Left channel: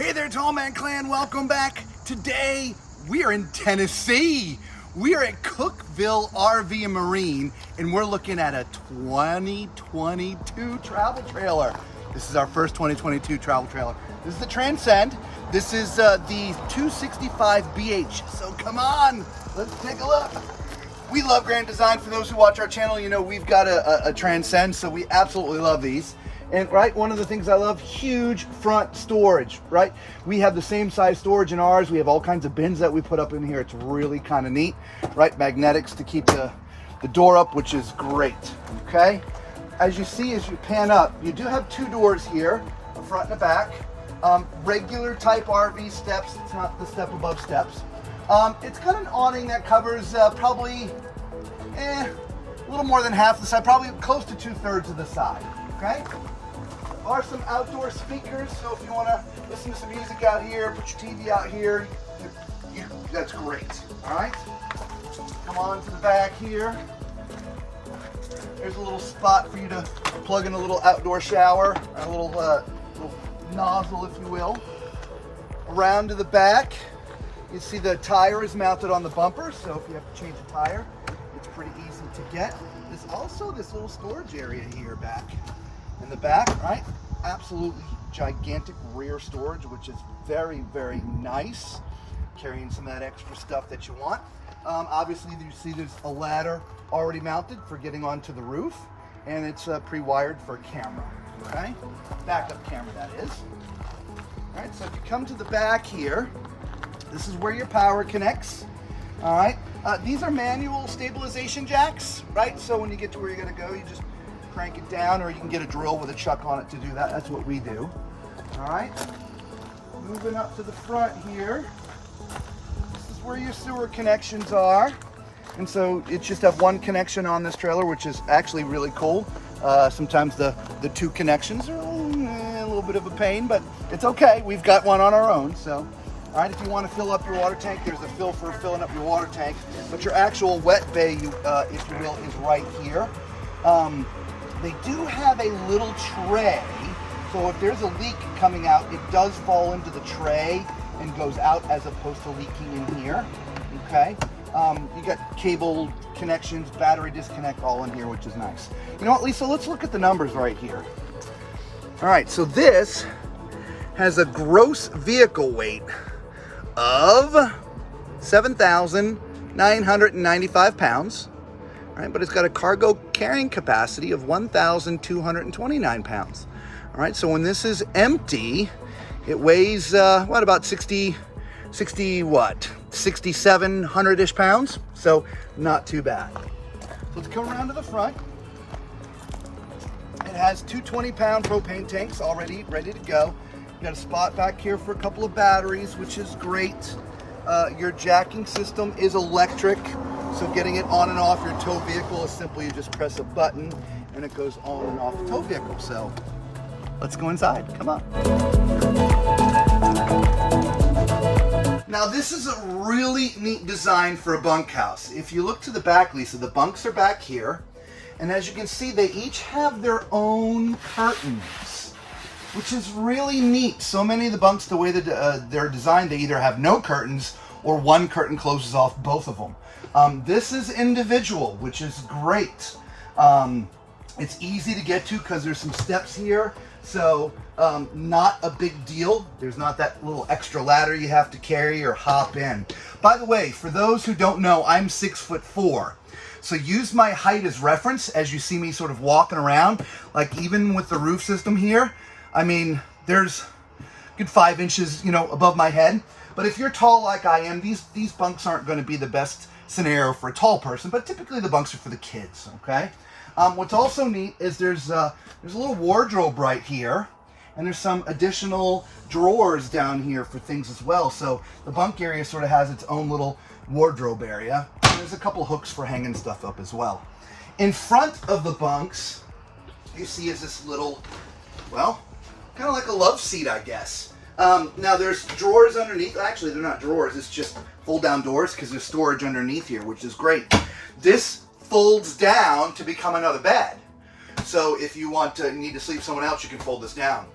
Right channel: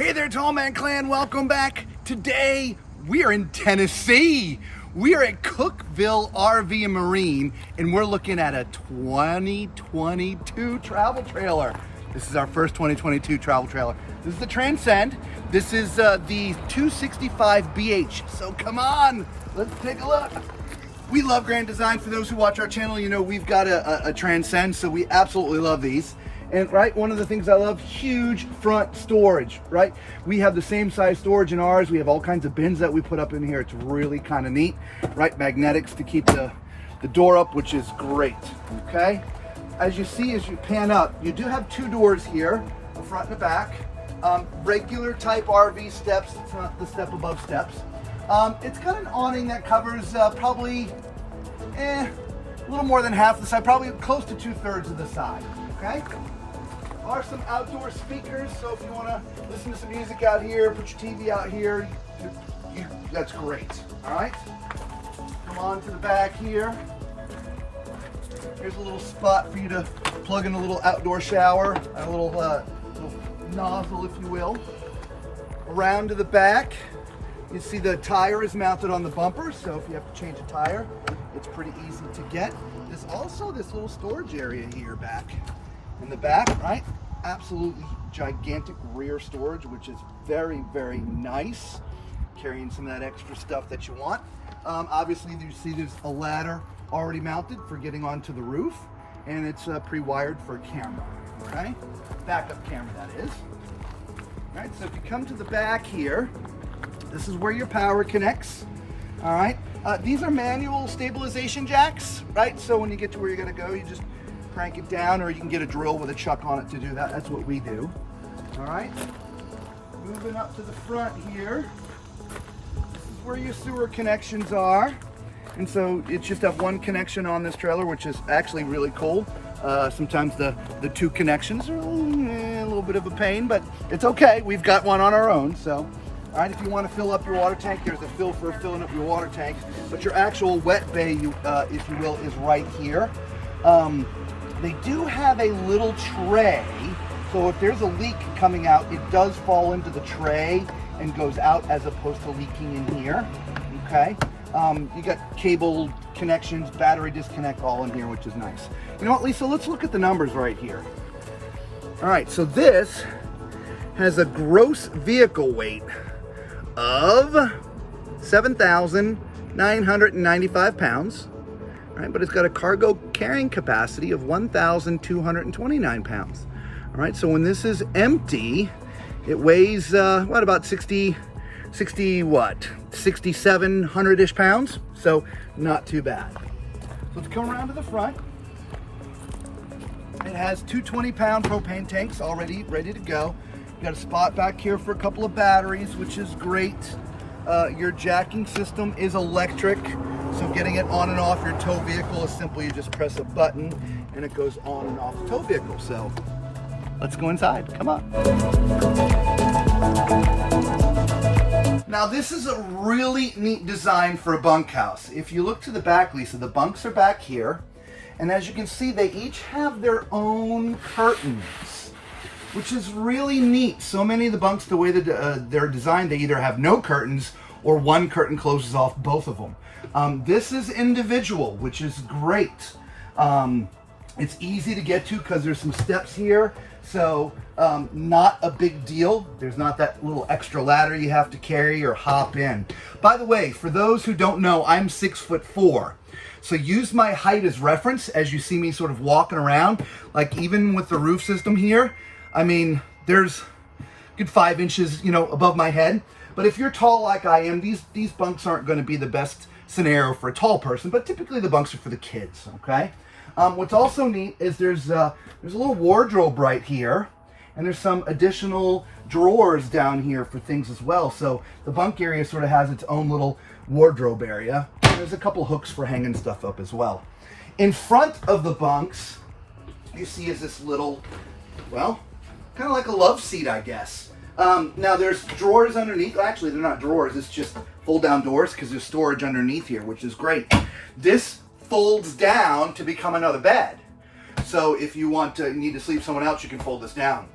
Hey there, Tall Man Clan, welcome back. Today, we are in Tennessee. We are at Cookeville RV and Marine, and we're looking at a 2022 travel trailer. This is our first 2022 travel trailer. This is the Transcend. This is the 265BH. So come on, let's take a look. We love grand design. For those who watch our channel, you know we've got a Transcend, so we absolutely love these. And right, one of the things I love, huge front storage, right? We have the same size storage in ours. We have all kinds of bins that we put up in here. It's really kind of neat, right? Magnetics to keep the door up, which is great, okay? As you see, as you pan up, you do have two doors here, the front and the back. Regular type RV steps, it's not the step above steps. It's got an awning that covers probably a little more than half the side, probably close to 2/3 of the side, okay? Are some outdoor speakers, so if you want to listen to some music out here, put your TV out here, that's great, all right? Come on to the back here. There's a little spot for you to plug in a little outdoor shower, a little nozzle, if you will. Around to the back, you see the tire is mounted on the bumper, so if you have to change a tire, it's pretty easy to get. There's also this little storage area here back. In the back, right? Absolutely gigantic rear storage, which is very, very nice. Carrying some of that extra stuff that you want. Obviously, you see there's a ladder already mounted for getting onto the roof, and it's pre-wired for a camera, okay? Backup camera, that is. All right, so if you come to the back here, this is where your power connects, all right? These are manual stabilization jacks, right? So when you get to where you're gonna go, you just crank it down, or you can get a drill with a chuck on it to do that. That's what we do. All right. Moving up to the front here. This is where your sewer connections are. And so it's just have one connection on this trailer, which is actually really cool. Sometimes the two connections are a little bit of a pain, but it's okay. We've got one on our own. So, all right, if you want to fill up your water tank, there's a fill for filling up your water tank. But your actual wet bay, if you will, is right here. They do have a little tray, so if there's a leak coming out, it does fall into the tray and goes out as opposed to leaking in here, okay? You got cable connections, battery disconnect all in here, which is nice. You know what, Lisa, let's look at the numbers right here. All right, so this has a gross vehicle weight of 7,995 pounds. Right, but it's got a cargo carrying capacity of 1,229 pounds. All right, so when this is empty, it weighs what, about 6,700-ish pounds. So not too bad. Let's come around to the front. It has two 20-pound propane tanks already ready to go. You got a spot back here for a couple of batteries, which is great. Your jacking system is electric. So getting it on and off your tow vehicle is simply you just press a button and it goes on and off the tow vehicle. So let's go inside, come on. Now this is a really neat design for a bunkhouse. If you look to the back, Lisa, the bunks are back here. And as you can see, they each have their own curtains, which is really neat. So many of the bunks, the way that they're designed, they either have no curtains or one curtain closes off both of them. This is individual, which is great. It's easy to get to because there's some steps here, so not a big deal. There's not that little extra ladder you have to carry or hop in. By the way, for those who don't know, I'm 6'4", so use my height as reference as you see me sort of walking around. Like even with the roof system here, I mean, there's a good 5 inches, you know, above my head. But if you're tall like I am, these bunks aren't going to be the best scenario for a tall person, but typically the bunks are for the kids, okay? What's also neat is there's a little wardrobe right here, and there's some additional drawers down here for things as well. So the bunk area sort of has its own little wardrobe area. And there's a couple hooks for hanging stuff up as well. In front of the bunks, you see is this little, well, kind of like a love seat, I guess. Now there's drawers underneath. Actually, they're not drawers. It's just fold down doors because there's storage underneath here, which is great. This folds down to become another bed. So if you need to sleep someone else, you can fold this down.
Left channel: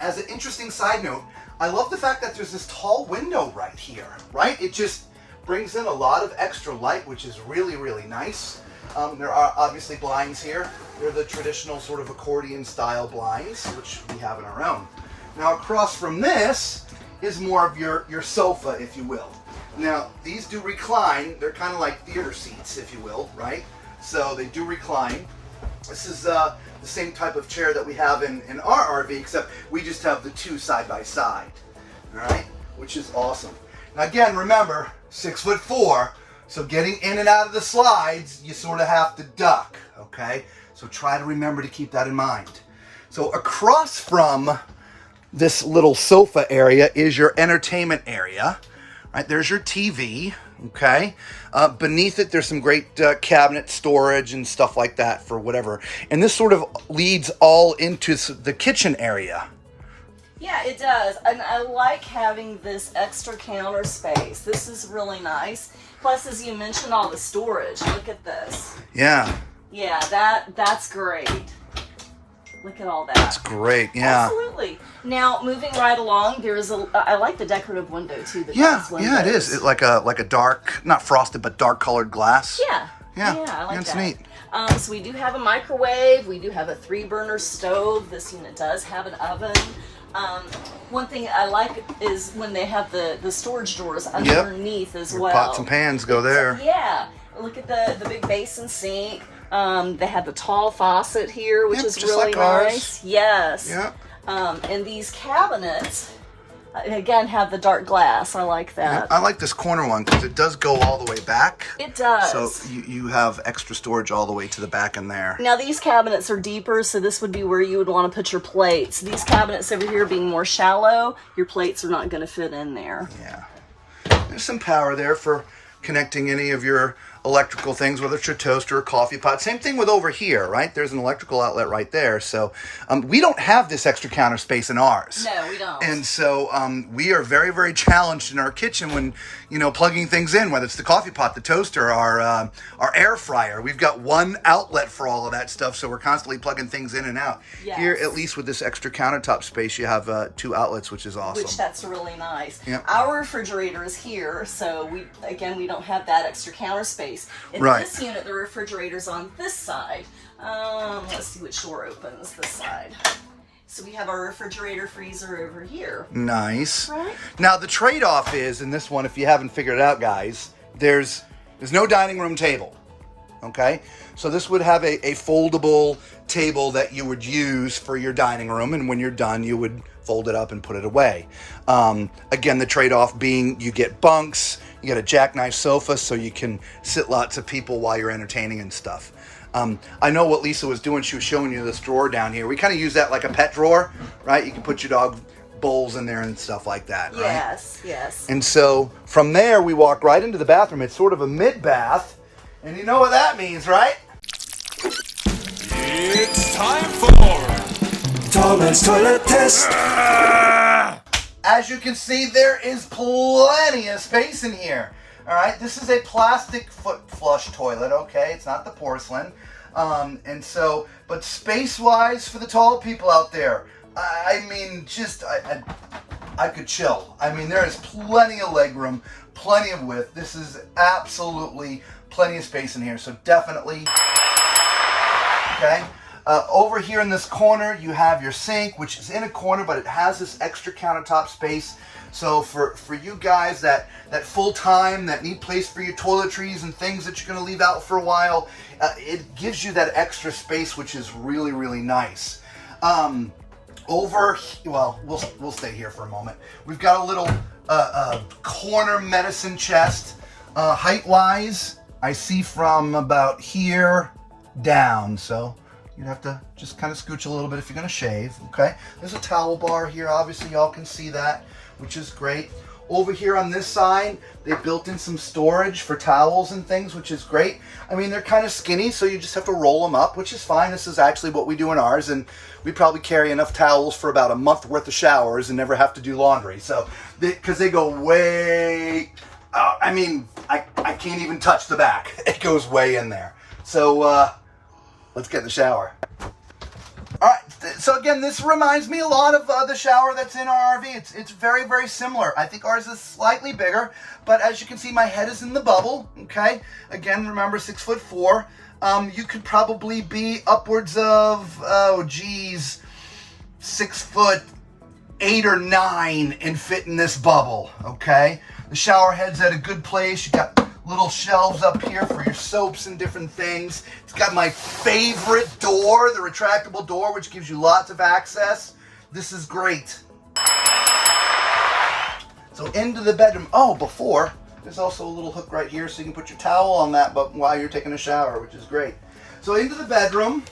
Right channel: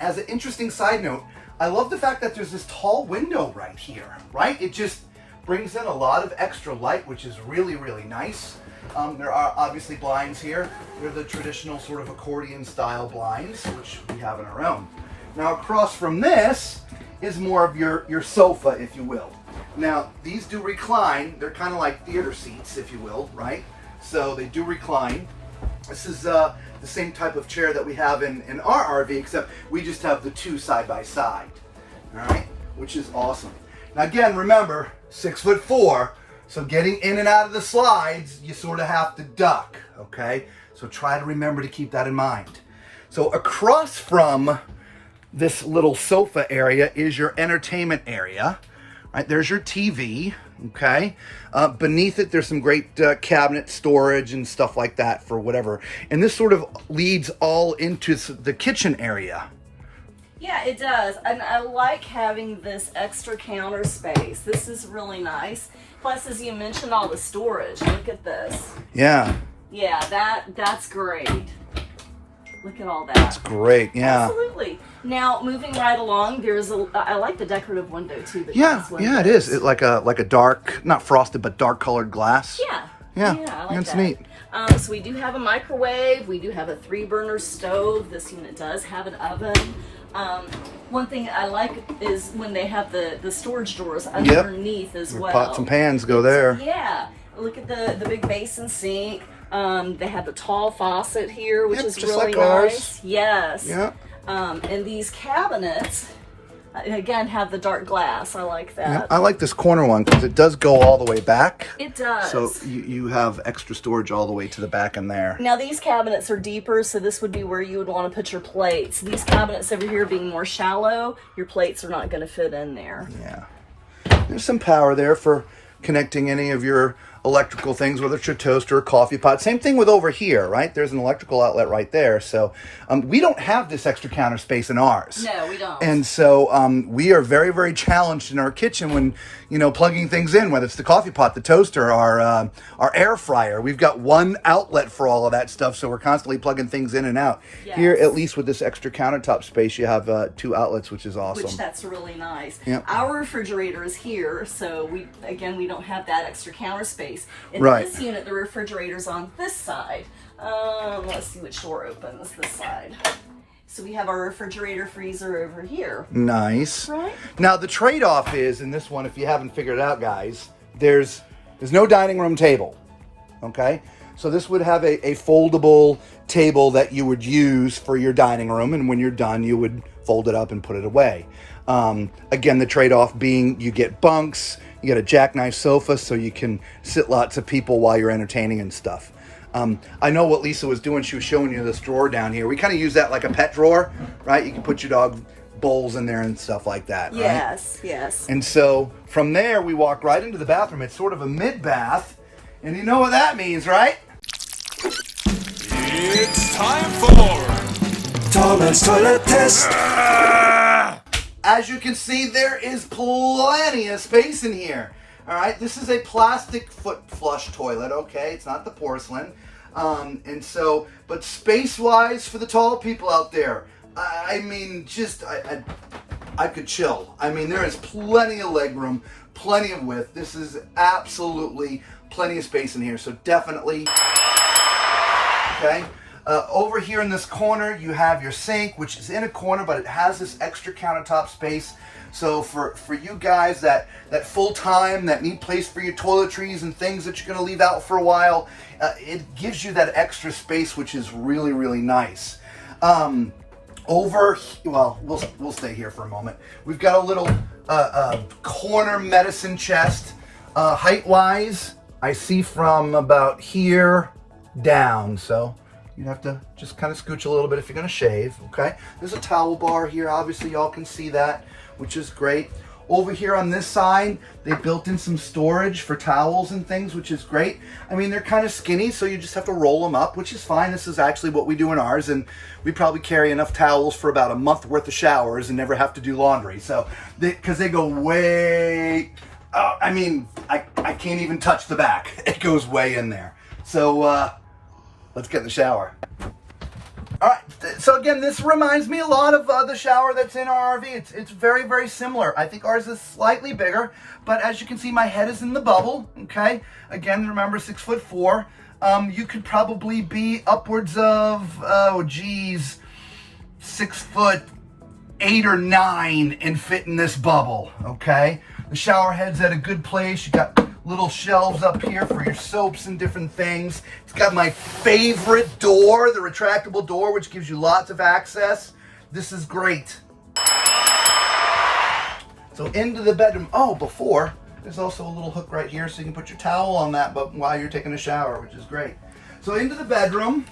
as an interesting side note, I love the fact that there's this tall window right here, right? It just brings in a lot of extra light, which is really, really nice. There are obviously blinds here. They're the traditional sort of accordion style blinds, which we have in our own. Now across from this is more of your sofa, if you will. Now these do recline. They're kind of like theater seats, if you will, right? So they do recline. This is the same type of chair that we have in our RV, except we just have the two side by side, all right? Which is awesome. Now again, remember, 6'4", so getting in and out of the slides, you sort of have to duck, okay? So try to remember to keep that in mind. So across from this little sofa area is your entertainment area, right? There's your TV, okay? Beneath it, there's some great cabinet storage and stuff like that for whatever. And this sort of leads all into the kitchen area. Yeah, it does. And I like having this extra counter space. This is really nice. Plus, as you mentioned, all the storage. Look at this. Yeah. Yeah, that's great. Look at all that. That's great, yeah. Absolutely. Now, moving right along, there's I like the decorative window too. Yeah, it is. It's like a dark, not frosted, but dark colored glass. Yeah. Yeah, I like it's that. neat. So we do have a microwave. We do have a 3-burner stove. This unit does have an oven. One thing I like is when they have the storage drawers underneath as well. Pots and pans go there. Yeah. Look at the big basin sink. They have the tall faucet here, which is just really like nice. ours. Yes. Yeah. And these cabinets, again, have the dark glass. I like that. Yeah, I like this corner one because it does go all the way back. It does. So you have extra storage all the way to the back in there. Now these cabinets are deeper, so this would be where you would want to put your plates. These cabinets over here being more shallow, your plates are not going to fit in there. Yeah. There's some power there for connecting any of your electrical things, whether it's your toaster or coffee pot. Same thing with over here, right? There's an electrical outlet right there. So we don't have this extra counter space in ours. No, we don't. And so we are very, very challenged in our kitchen when, plugging things in, whether it's the coffee pot, the toaster, our air fryer. We've got one outlet for all of that stuff, so we're constantly plugging things in and out. Yes. Here, at least with this extra countertop space, you have 2 outlets, which is awesome. Which that's really nice. Yep. Our refrigerator is here, so we don't have that extra counter space. In Right. this unit, the refrigerator's on this side. Let's see which door opens this side. So we have our refrigerator freezer over here. Nice. Right. Now the trade-off is in this one, if you haven't figured it out, guys, there's no dining room table. Okay, so this would have a foldable table that you would use for your dining room, and when you're done, you would fold it up and put it away. Again, the trade-off being you get bunks, you get a jackknife sofa so you can sit lots of people while you're entertaining and stuff. I know what Lisa was doing. She was showing you this drawer down here. We kind of use that like a pet drawer, right? You can put your dog bowls in there and stuff like that, right? Yes, yes. And so from there, we walk right into the bathroom. It's sort of a mid-bath, and you know what that means, right? It's time for Tallman's Toilet Test. As you can see, there is plenty of space in here. All right, this is a plastic foot flush toilet, okay? It's not the porcelain. But space-wise for the tall people out there, I mean, I could chill. I mean, there is plenty of legroom, plenty of width. This is absolutely plenty of space in here, so definitely, okay? Over here in this corner, you have your sink, which is in a corner, but it has this extra countertop space. So for you guys that full-time, that need place for your toiletries and things that you're going to leave out for a while, it gives you that extra space, which is really, really nice. We'll stay here for a moment. We've got a little corner medicine chest. Height-wise, I see from about here down, so you'd have to just kind of scooch a little bit if you're going to shave, okay? There's a towel bar here. Obviously, y'all can see that, which is great. Over here on this side, they built in some storage for towels and things, which is great. I mean, they're kind of skinny, so you just have to roll them up, which is fine. This is actually what we do in ours, and we probably carry enough towels for about a month worth of showers and never have to do laundry. So, because they go way, I can't even touch the back. It goes way in there. So, let's get in the shower. All right, So again, this reminds me a lot of the shower that's in our RV. It's very, very similar. I think ours is slightly bigger, but as you can see, my head is in the bubble, okay? Again, remember 6'4". You could probably be upwards of, 6'8" or 9" and fit in this bubble, okay? The shower head's at a good place. You got little shelves up here for your soaps and different things. It's got my favorite door, the retractable door, which gives you lots of access. This is great. So into the bedroom. Oh, before, there's also a little hook right here so you can put your towel on that but while you're taking a shower, which is great. So into the bedroom.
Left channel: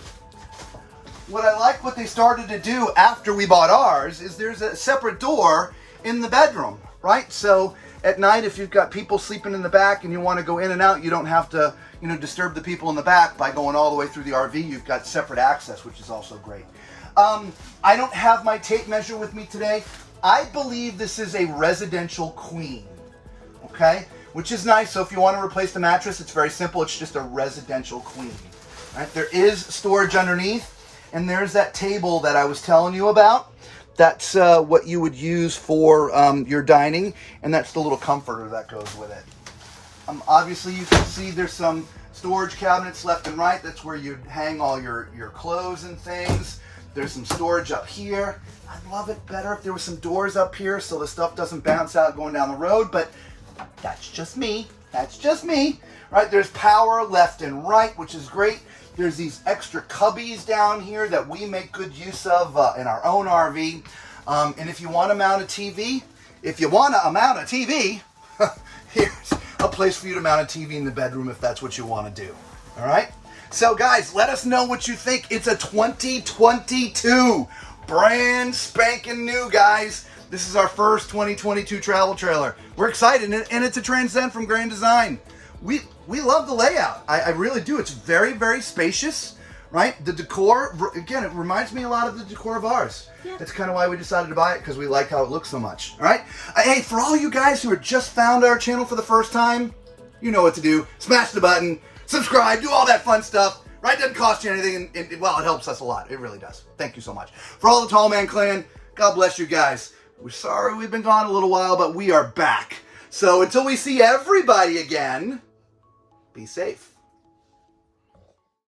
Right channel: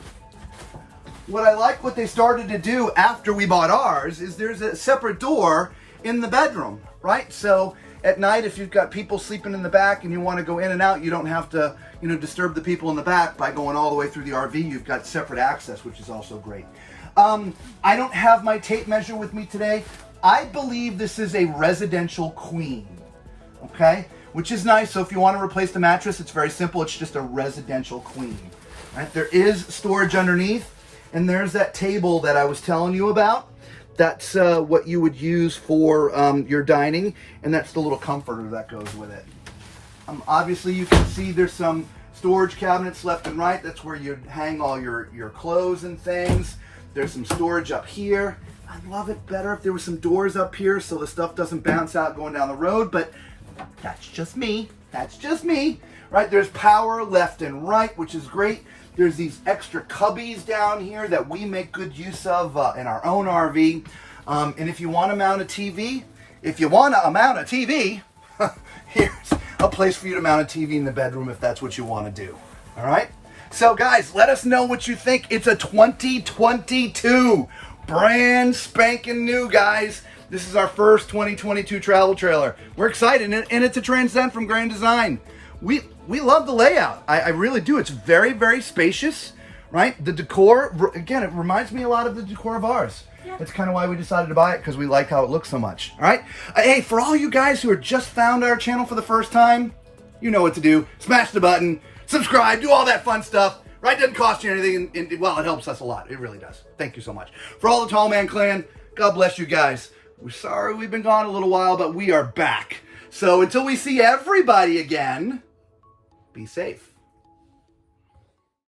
What I like what they started to do after we bought ours is there's a separate door in the bedroom, right? So at night, if you've got people sleeping in the back and you want to go in and out, you don't have to, disturb the people in the back by going all the way through the RV. You've got separate access, which is also great. I don't have my tape measure with me today. I believe this is a residential queen, okay? Which is nice. So if you want to replace the mattress, it's very simple. It's just a residential queen, right? There is storage underneath, and there's that table that I was telling you about. That's what you would use for your dining, and that's the little comforter that goes with it. Obviously, you can see there's some storage cabinets left and right. That's where you'd hang all your clothes and things. There's some storage up here. I'd love it better if there was some doors up here so the stuff doesn't bounce out going down the road, but that's just me. That's just me, right? There's power left and right, which is great. There's these extra cubbies down here that we make good use of in our own RV. And if you want to mount a TV, here's a place for you to mount a TV in the bedroom if that's what you want to do. All right? So guys, let us know what you think. It's a 2022, brand spanking new, guys. This is our first 2022 travel trailer. We're excited, and it's a Transcend from Grand Design. We love the layout. I really do. It's very, very spacious, right? The decor, again, it reminds me a lot of the decor of ours. Yeah. That's kind of why we decided to buy it, because we like how it looks so much. All right? Hey, for all you guys who are just found our channel for the first time, you know what to do. Smash the button, subscribe, do all that fun stuff. Right? It doesn't cost you anything, and well, it helps us a lot. It really does. Thank you so much. For all the Tall Man Clan, God bless you guys. We're sorry we've been gone a little while, but we are back. So until we see everybody again, be safe.